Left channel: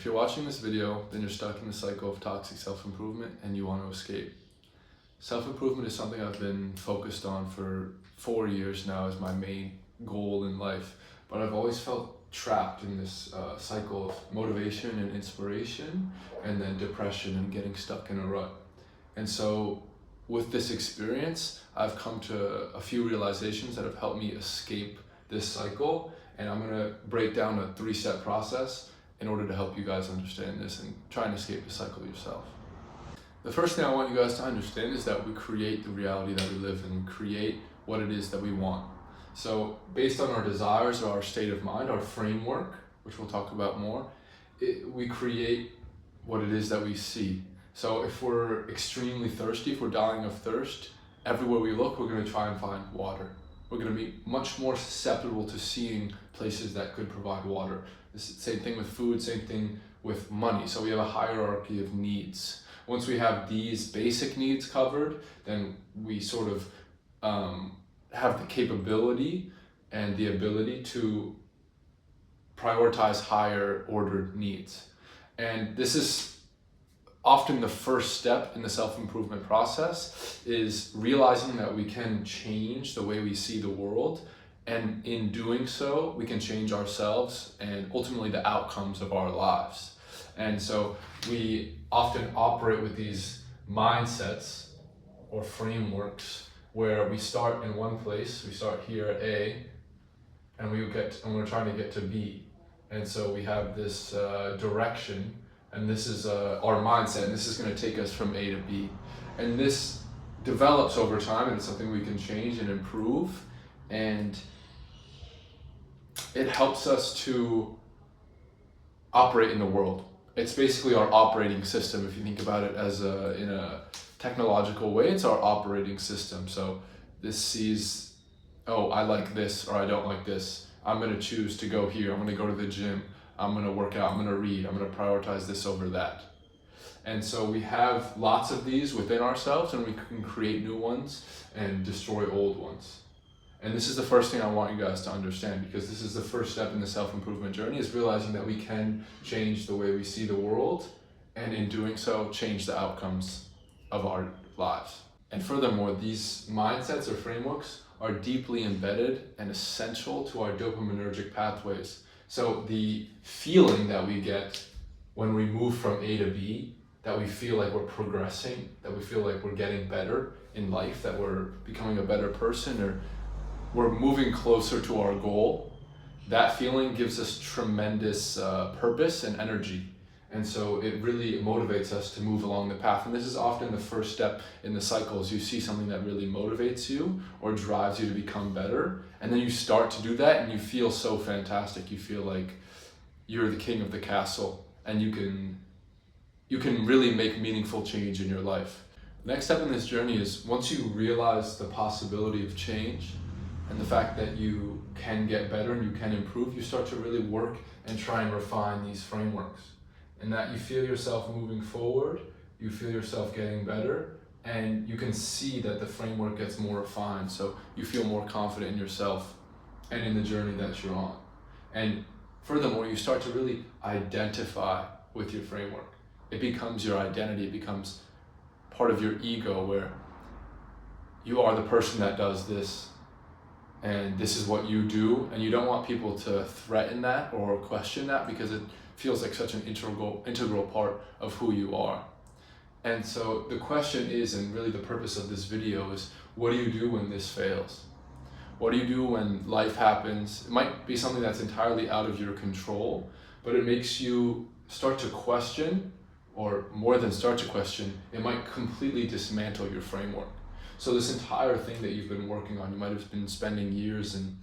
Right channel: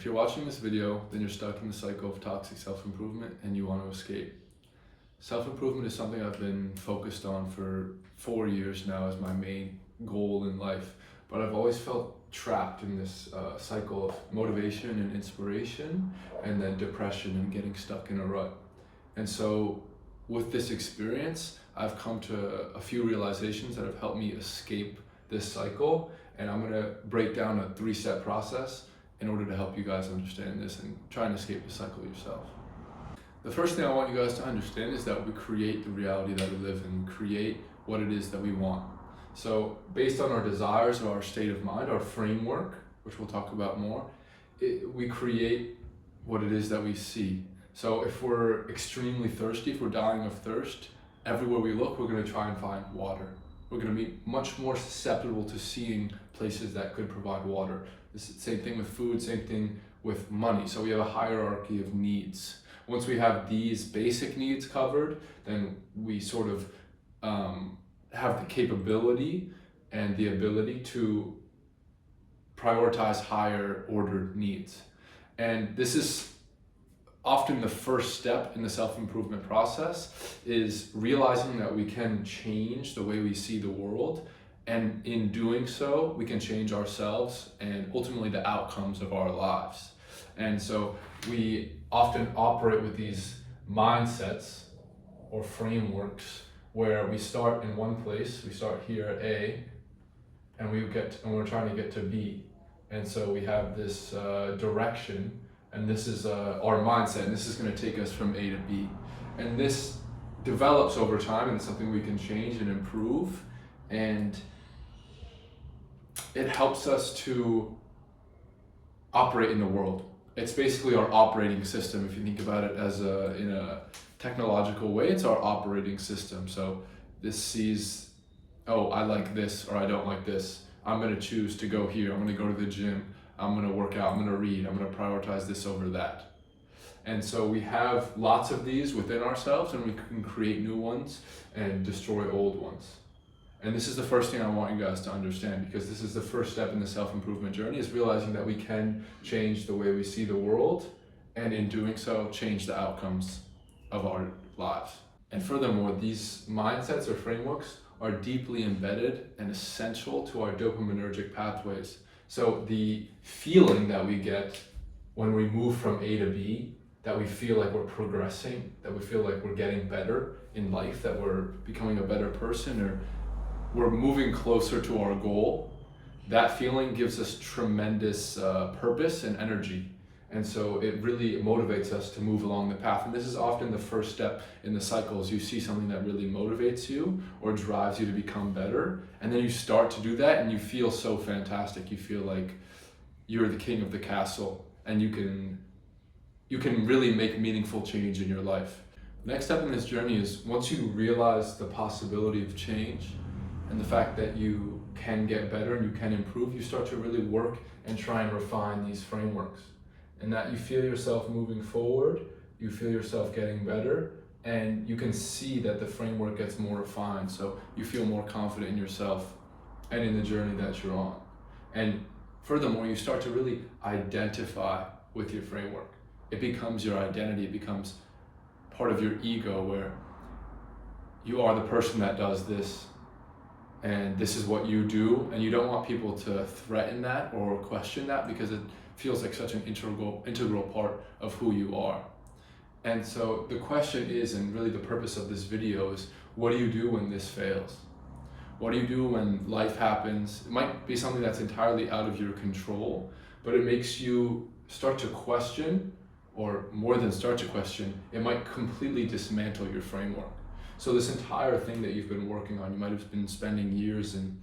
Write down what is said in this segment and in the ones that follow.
If you're watching this video, then you're stuck in the cycle of toxic self-improvement and you want to escape. Self-improvement is something I've been focused on for 4 years now as my main goal in life, but I've always felt trapped in this cycle of motivation and inspiration and then depression and getting stuck in a rut. And so with this experience, I've come to a few realizations that have helped me escape this cycle, and I'm going to break down a 3-step process in order to help you guys understand this and try and escape the cycle yourself. The first thing I want you guys to understand is that we create the reality that we live in, create what it is that we want. So based on our desires or our state of mind, our framework, which we'll talk about more, we create what it is that we see. So if we're extremely thirsty, if we're dying of thirst, everywhere we look, we're going to try and find water. We're going to be much more susceptible to seeing places that could provide water. This is the same thing with food, same thing with money. So we have a hierarchy of needs. Once we have these basic needs covered, then we sort of have the capability and the ability to prioritize higher ordered needs. And this is often the first step in the self-improvement process, is realizing that we can change the way we see the world, and in doing so we can change ourselves and ultimately the outcomes of our lives. And so we often operate with these mindsets or frameworks where we start in one place, we start here at A, and we're trying to get to B. And so we have this direction, and this is our mindset, and this is going to take us from A to B. And this develops over time, and it's something we can change and improve, and it helps us to operate in the world. It's basically our operating system. If you think about it as in a technological way, it's our operating system. So this sees, oh, I like this or I don't like this. I'm going to choose to go here. I'm going to go to the gym. I'm going to work out. I'm going to read. I'm going to prioritize this over that. And so we have lots of these within ourselves, and we can create new ones and destroy old ones. And this is the first thing I want you guys to understand, because this is the first step in the self-improvement journey, is realizing that we can change the way we see the world, and in doing so, change the outcomes of our lives. And furthermore, these mindsets or frameworks are deeply embedded and essential to our dopaminergic pathways. So the feeling that we get when we move from A to B, that we feel like we're progressing, that we feel like we're getting better in life, that we're becoming a better person, or we're moving closer to our goal, that feeling gives us tremendous purpose and energy. And so it really motivates us to move along the path. And this is often the first step in the cycles. You see something that really motivates you or drives you to become better, and then you start to do that and you feel so fantastic. You feel like you're the king of the castle, and you can really make meaningful change in your life. The next step in this journey is, once you realize the possibility of change and the fact that you can get better and you can improve, you start to really work and try and refine these frameworks. And that you feel yourself moving forward, you feel yourself getting better, and you can see that the framework gets more refined, so you feel more confident in yourself and in the journey that you're on. And furthermore, you start to really identify with your framework. It becomes your identity, it becomes part of your ego, where you are the person that does this, and this is what you do, and you don't want people to threaten that or question that, because it feels like such an integral part of who you are. And so the question is, and really the purpose of this video is, what do you do when this fails? What do you do when life happens? It might be something that's entirely out of your control, but it makes you start to question, or more than start to question, it might completely dismantle your framework. So this entire thing that you've been working on, you might have been spending years in,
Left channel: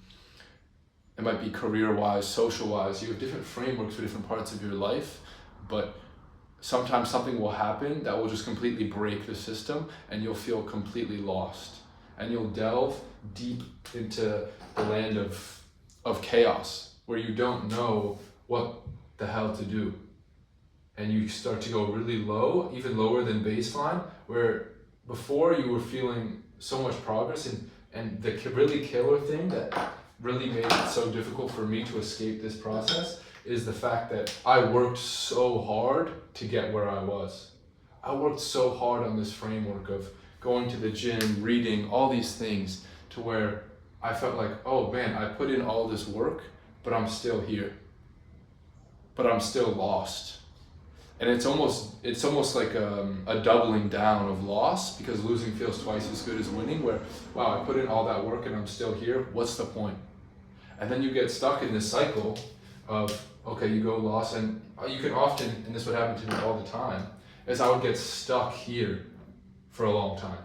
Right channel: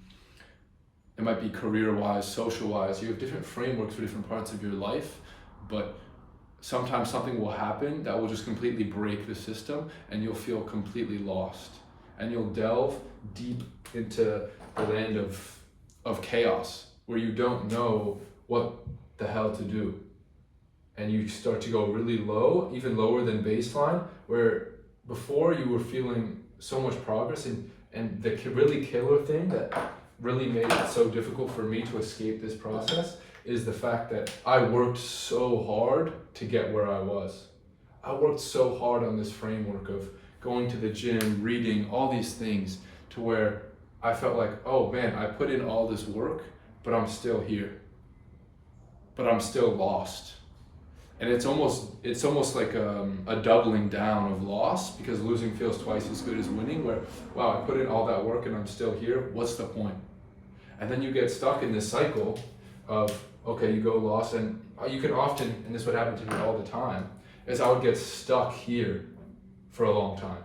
it might be career-wise, social-wise, you have different frameworks for different parts of your life, but sometimes something will happen that will just completely break the system, and you'll feel completely lost. And you'll delve deep into the land of chaos, where you don't know what the hell to do. And you start to go really low, even lower than baseline, where before you were feeling so much progress, and the really killer thing that really made it so difficult for me to escape this process is the fact that I worked so hard to get where I was. I worked so hard on this framework of going to the gym, reading, all these things, to where I felt like, oh man, I put in all this work, but I'm still here. But I'm still lost. And it's almost like a doubling down of loss, because losing feels twice as good as winning, where, wow, I put in all that work and I'm still here, what's the point? And then you get stuck in this cycle of, okay, you go lost, and you can often, and this would happen to me all the time, is I would get stuck here for a long time.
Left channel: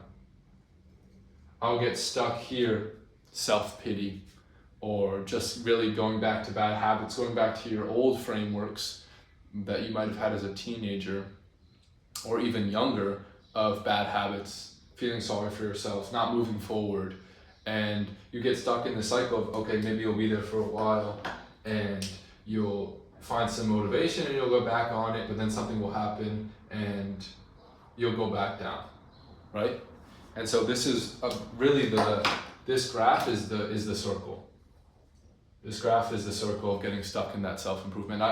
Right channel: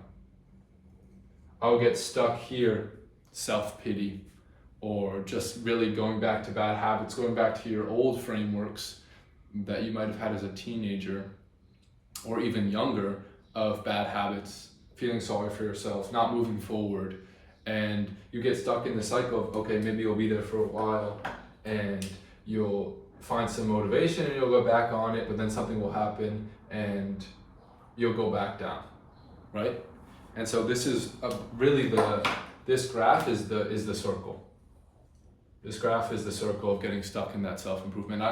I would get stuck here, self-pity, or just really going back to bad habits, going back to your old frameworks that you might have had as a teenager or even younger, of bad habits, feeling sorry for yourself, not moving forward. And you get stuck in the cycle of, okay, maybe you'll be there for a while and you'll find some motivation and you'll go back on it, but then something will happen and you'll go back down, right? And so this is really this graph is the circle. This graph is the circle of getting stuck in that self-improvement.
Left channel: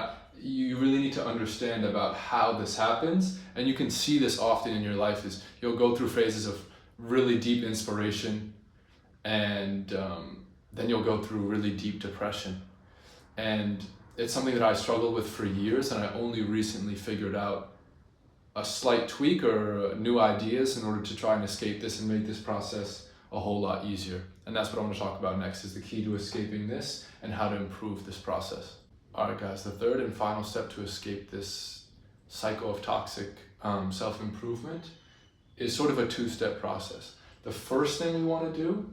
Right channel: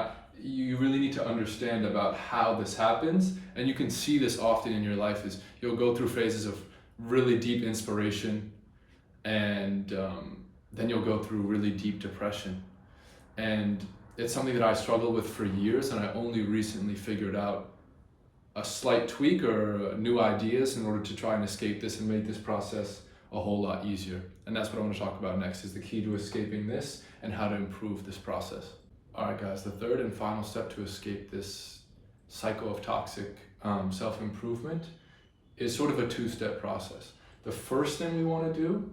You really need to understand about how this happens, and you can see this often in your life. Is you'll go through phases of really deep inspiration, and then you'll go through really deep depression. And it's something that I struggled with for years, and I only recently figured out a slight tweak or new ideas in order to try and escape this and make this process a whole lot easier. And that's what I'm going to talk about next, is the key to escaping this and how to improve this process. All right, guys, the third and final step to escape this cycle of toxic self-improvement is sort of a two-step process. The first thing we want to do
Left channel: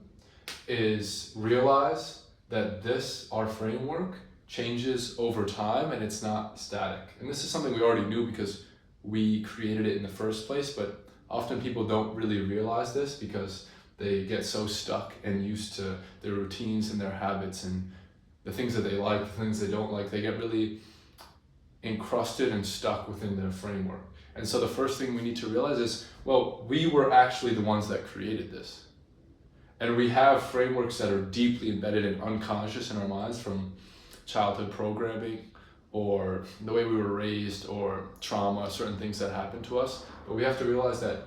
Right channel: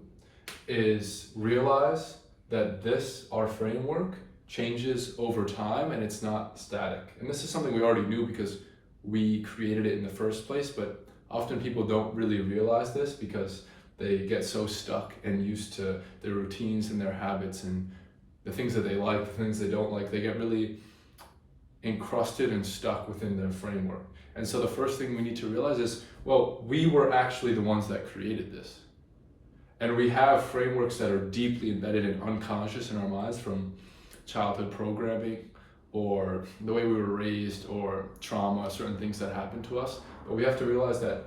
is realize that our framework, changes over time and it's not static. And this is something we already knew because we created it in the first place, but often people don't really realize this because they get so stuck and used to their routines and their habits and the things that they like, the things they don't like. They get really encrusted and stuck within their framework. And so the first thing we need to realize is, well, we were actually the ones that created this. And we have frameworks that are deeply embedded and unconscious in our minds from childhood programming or the way we were raised or trauma, certain things that happened to us. But we have to realize that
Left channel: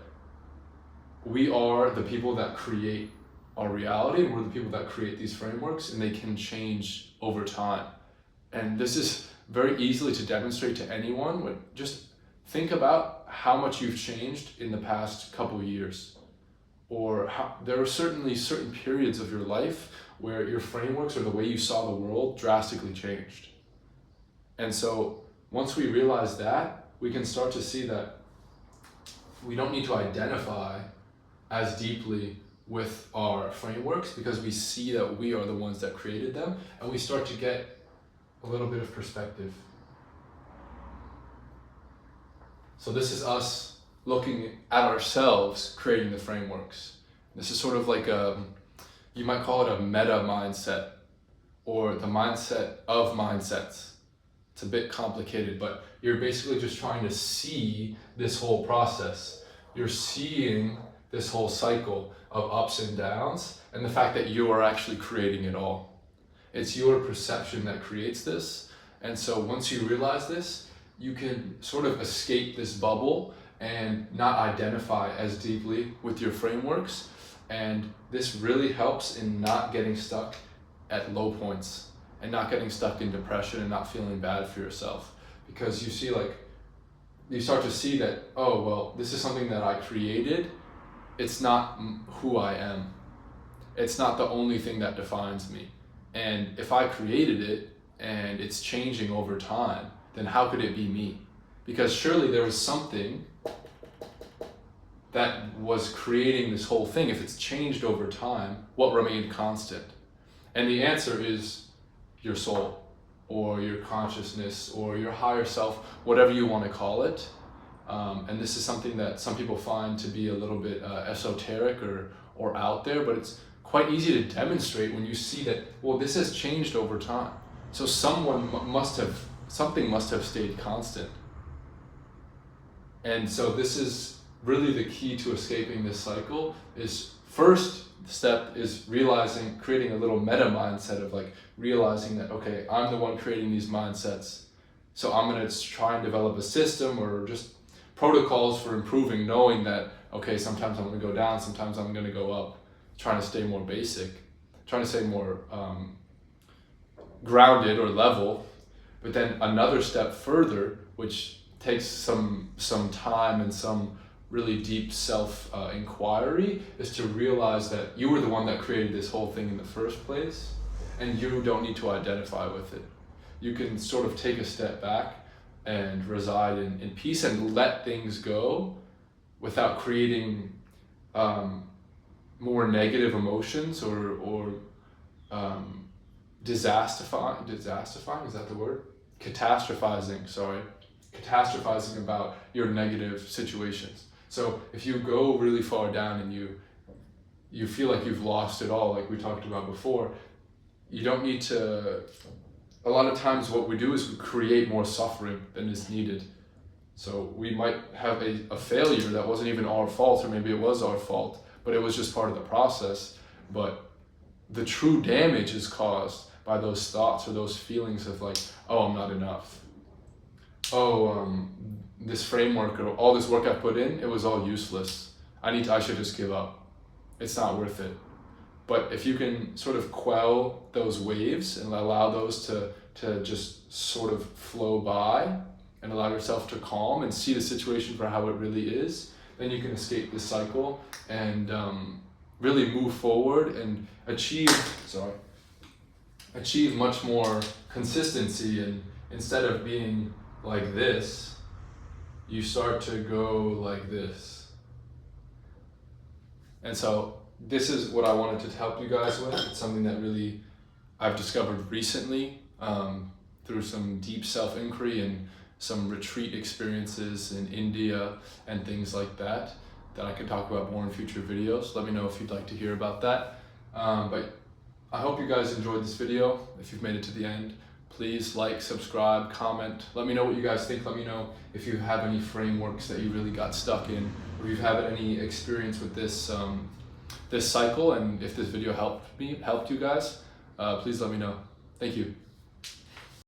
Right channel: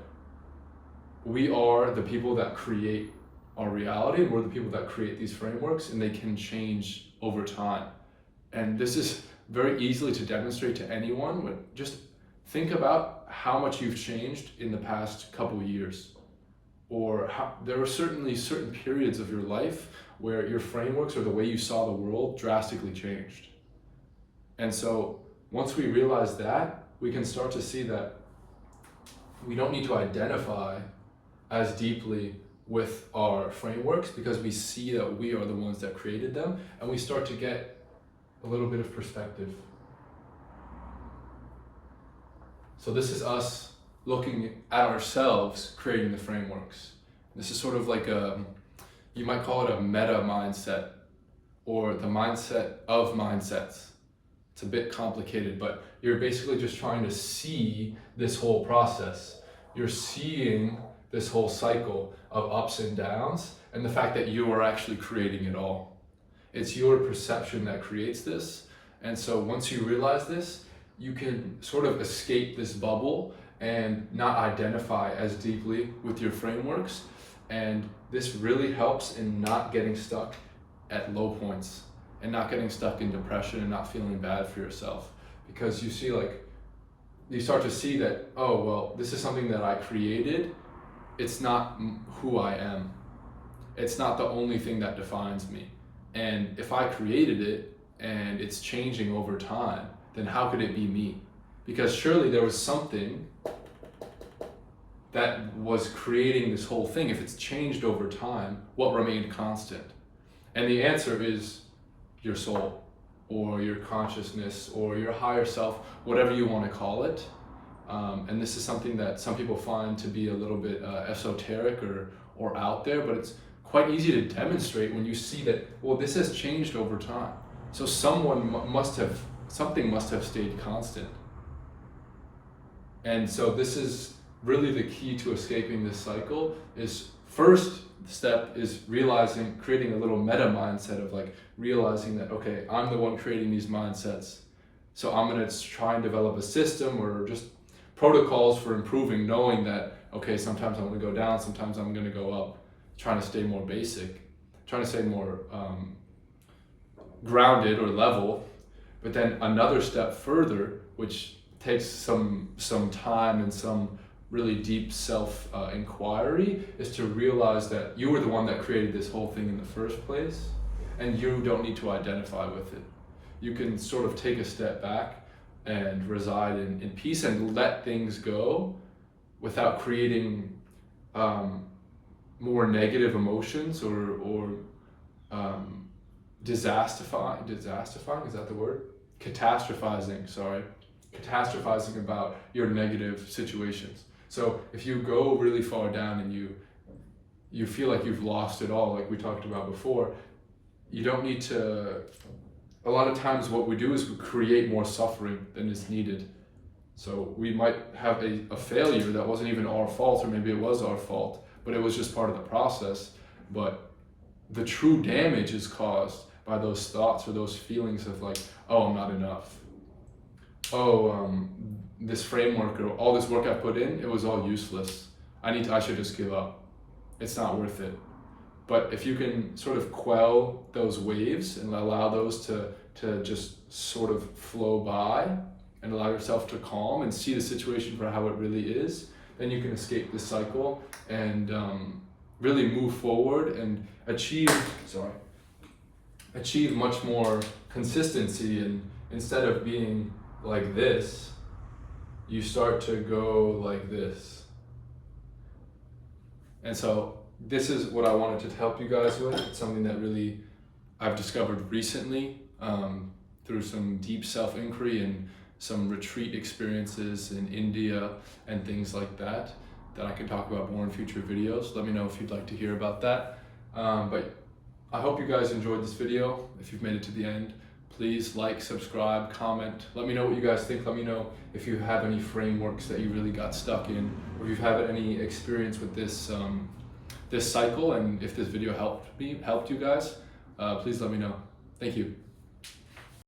we are the people that create our reality, and we're the people that create these frameworks, and they can change over time. And this is very easily to demonstrate to anyone, but just think about how much you've changed in the past couple years. Or how, there are certainly certain periods of your life where your frameworks or the way you saw the world drastically changed. And so once we realize that, we can start to see that we don't need to identify as deeply with our frameworks because we see that we are the ones that created them, and we start to get a little bit of perspective. So this is us looking at ourselves, creating the frameworks. This is sort of like you might call it a meta mindset, or the mindset of mindsets. It's a bit complicated, but you're basically just trying to see this whole process. You're seeing this whole cycle of ups and downs, and the fact that you are actually creating it all. It's your perception that creates this. And so once you realize this, you can sort of escape this bubble and not identify as deeply with your frameworks. And this really helps in not getting stuck at low points and not getting stuck in depression and not feeling bad for yourself. Because you see, you start to see that, oh, well, this is something that I created. It's not who I am. It's not the only thing that defines me. And if I created it and it's changing over time, then how could it be me? Because surely there was something that was creating this whole thing. If it's changed over time, what remained constant? And the answer is your soul, or your consciousness, or your higher self, whatever you want to call it. And this is something that some people find to be a little bit esoteric or out there, but it's quite easy to demonstrate when you see that, well, this has changed over time. So something must have stayed constant. And so this is really the key to escaping this cycle. Is first step is creating a little meta mindset of realizing that, okay, I'm the one creating these mindsets. So I'm going to try and develop a system or just protocols for improving, knowing that, okay, sometimes I'm going to go down, sometimes I'm going to go up, trying to stay more basic, trying to stay more grounded or level. But then another step further, which takes some time and some really deep self-inquiry, is to realize that you were the one that created this whole thing in the first place, and you don't need to identify with it. You can sort of take a step back and reside in peace and let things go without creating more negative emotions or disastrifying, is that the word? Catastrophizing about your negative situations. So if you go really far down and you feel like you've lost it all, like we talked about before, you don't need to. A lot of times what we do is we create more suffering than is needed. So we might have a failure that wasn't even our fault, or maybe it was our fault, but it was just part of the process. But the true damage is caused by those thoughts or those feelings of like, oh, I'm not enough. Oh, this framework or all this work I put in, it was all useless. I should just give up. It's not worth it. But if you can sort of quell those waves and allow those to just sort of flow by and allow yourself to calm and see the situation for how it really is, then you can escape this cycle and really move forward and achieve much more consistency. And instead of being like this, you start to go like this. And so this is what I wanted to help you guys with. It's something that really I've discovered recently through some deep self-inquiry and some retreat experiences in India and things like that I can talk about more in future videos. Let me know if you'd like to hear about that. But I hope you guys enjoyed this video. If you've made it to the end, please like, subscribe, comment. Let me know what you guys think. Let me know if you have any frameworks that you really got stuck in, or if you've had any experience with this this cycle, and if this video helped you guys, please let me know. Thank you.